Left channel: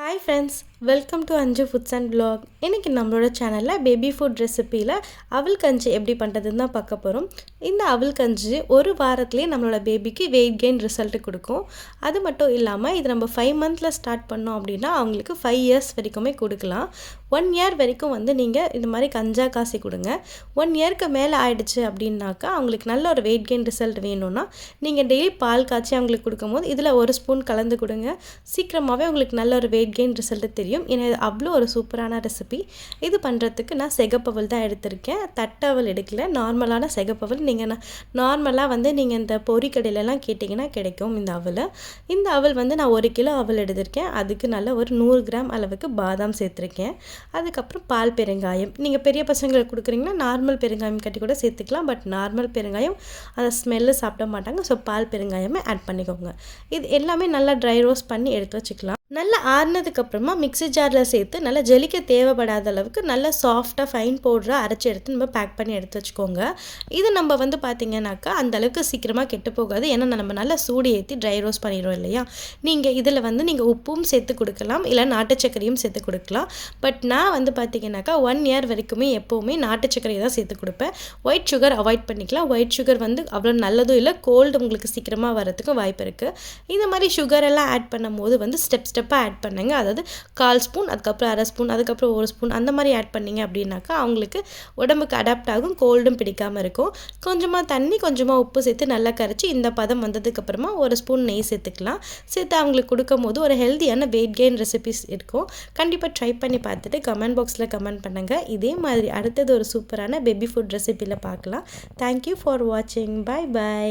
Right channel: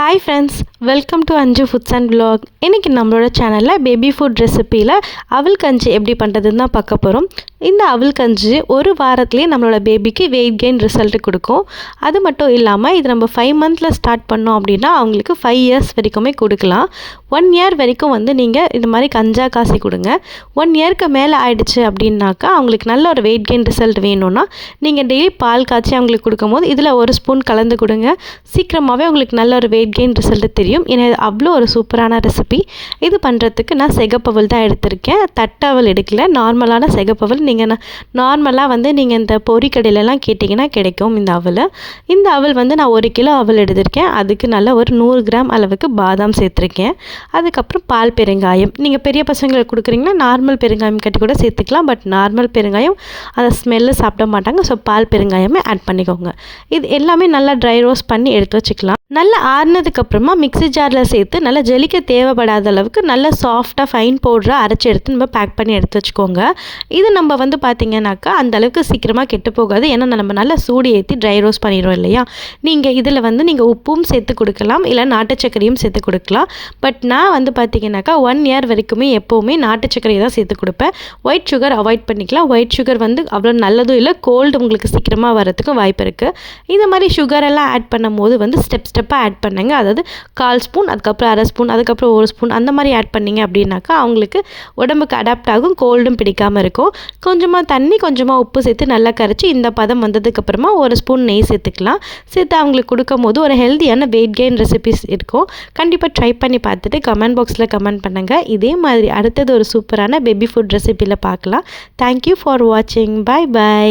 Hi friends, welcome to அஞ்சு foods and vlog. இன்றைக்கி நம்மளோட சேனலில் பேபி ஃபுட் ரெசிப்பியில் அவல் கஞ்சி எப்படி பண்ணுறதுன்னு தான் பார்க்க போகிறோம். இந்த அவல் கஞ்சி ஒரு வாரத்துலேயே நம்மளோட பேபிக்கு வெயிட் கெயின் ரிசல்ட் கொடுக்கும். அது மட்டும் இல்லாமல் இது நம்ம 5 மந்தில் ஸ்டார்ட் பண்ணோம் அப்படின்னா அவங்களுக்கு 5 இயர்ஸ் வரைக்குமே கொடுக்கலாம். 1 இயர் வரைக்கும் நீங்கள் இந்த மாதிரி கஞ்சா காசி கொடுங்க. 1 இயருக்கு மேலே ஆயிடுச்சு அப்படின்னாக்கா அவங்களுக்கு நல்ல ஒரு வெயிட் கெயின் ரிசல்ட் வேணும்னா நீங்கள் டெய்லி பால் காய்ச்சி அவங்களுக்கு கொடுக்கும்போது இதில் 1 ஸ்பூன் கலந்து கொடுங்க. சீக்கிரமாகவே உங்களுக்கு நல்ல ஒரு வெயிட் கெயின் ரிசல்ட் தெரியும். ஏன்னா இது அவ்வளோ ஒரு சூப்பரான ரெசிபி. இது பண்ணுறதுக்கு நான் சிகப்பவல் தான் எடுத்திருக்கேன், தட்டவல் எடுக்கல. நார்மலான சிகப்பவல். நீங்கள் நார்மலாக நீங்கள் இந்த பொரிக்கடையிலலாம் கேட்டிங்கன்னா கிடைக்கும் இந்த அவல். இந்த அவல் நான் 1 கிலோ அவல் எடுத்திருக்கேன். அதுக்கு நல்ல ஒரு 100 கிராம் அளவுக்கு பாதாம் சேர்த்துருக்கேன். அதுக்கப்புறம் பால் பெருங்காயம். நீங்கள் பெரிய பசங்களுக்கு கொடுக்குறீங்கன்னா நார்மல் பெருங்காயம் கட்டி கூட சேர்த்துக்கலாம். பட் நார்மல் பெருங்காயம் அந்த ஸ்மெல்லு சாப்பிட மாட்டாங்க. ஸோ பால் பெருங்காயமே ஆட் பண்ணிக்கோங்க. இது எல்லாமே நல்லா ட்ரை ரோஸ்ட் பண்ணி எடுத்து வச்சுக்கலாம். நல்லா ஆறுனதுக்கப்புறமா மிக்ஸி ஜாரில் சேர்த்து நல்லா ஜெலிக்க தேவைப்படாத அளவுக்கு நல்லா சாஃப்டாக ஃபைன் பவுடராக அரைச்சி எடுத்து நம்ம பேக் பண்ணி எடுத்து வச்சுக்கோங்க. இது நம்ம பார்த்தீங்கன்னாக்கா அந்தளவுக்கு சீக்கிரமாக கெட்டு போகாது. ஏன்னா நம்ம நல்லா சூடு ஏற்றி ட்ரை ரோஸ்ட் பண்ணிடுவோம் இல்லையா. நீங்கள் இதில் நீங்கள் உப்பும் சேர்த்து கொடுக்கலாம், இல்லை நாட்டு சர்க்கரையும் சேர்த்து கொடுக்கலாம். பட் நான் பார்த்தீங்கன்னாக்கா 1 இயர் வரைக்குமே எப்போவுமே நாட்டு சர்க்கரையை தான் சேர்த்து கொடுப்பேன். ஒயிட் சுகர் அவாய்ட் பண்ணிக்கலாம். ஒயிட் சுகர் அவ்வளோ நல்லதும் இல்லை, கோல்டு உங்களுக்கு சீக்கிரமாக வரதுக்கு வாய்ப்பு இருக்குது. இந்த மாதிரி சுகரெல்லாம் ஆட் பண்ணும் போது ஸ்டெப்பாக ஆட் பண்ணுங்க. அதாவது 1/4 ஸ்பூன், அதுக்கப்புறம் 1/2 ஸ்பூன், அதுக்கப்புறம் 1 ஸ்பூன் அந்த மாதிரி ஆட் பண்ணிங்க அப்படின்னாக்கா அவங்களுக்கு உடம்புக்கு அடாப்ட் ஆகும், கோல்டும் பிடிக்காமல் இருக்கும். கொஞ்சமாக தண்ணி, கொஞ்சமாக உப்பு சேர்த்து நல்லா கரைச்சி இந்த பதம் வந்ததுக்கப்புறமா 1 ஸ்பூன் நெய் சேர்த்துக்கலாம். சேர்த்து அவங்களுக்கு கொடுக்கும் போது ஒரு ஹெல்த்தியான வெயிட் கெயின் ரெசிபிஸ் இருக்கும். கண்டிப்பாக ட்ரை பண்ணி பார்த்துட்டு கமெண்ட் பாக்ஸில் கமெண்ட் பண்ணுங்கள். இதே மாதிரி அடுத்தது ஒரு சூப்பரான பேபி ஃபுட் ரெசிபியில் பார்க்கலாம். தேங்க்யூ ஃபார் வாட்சிங். Bye by.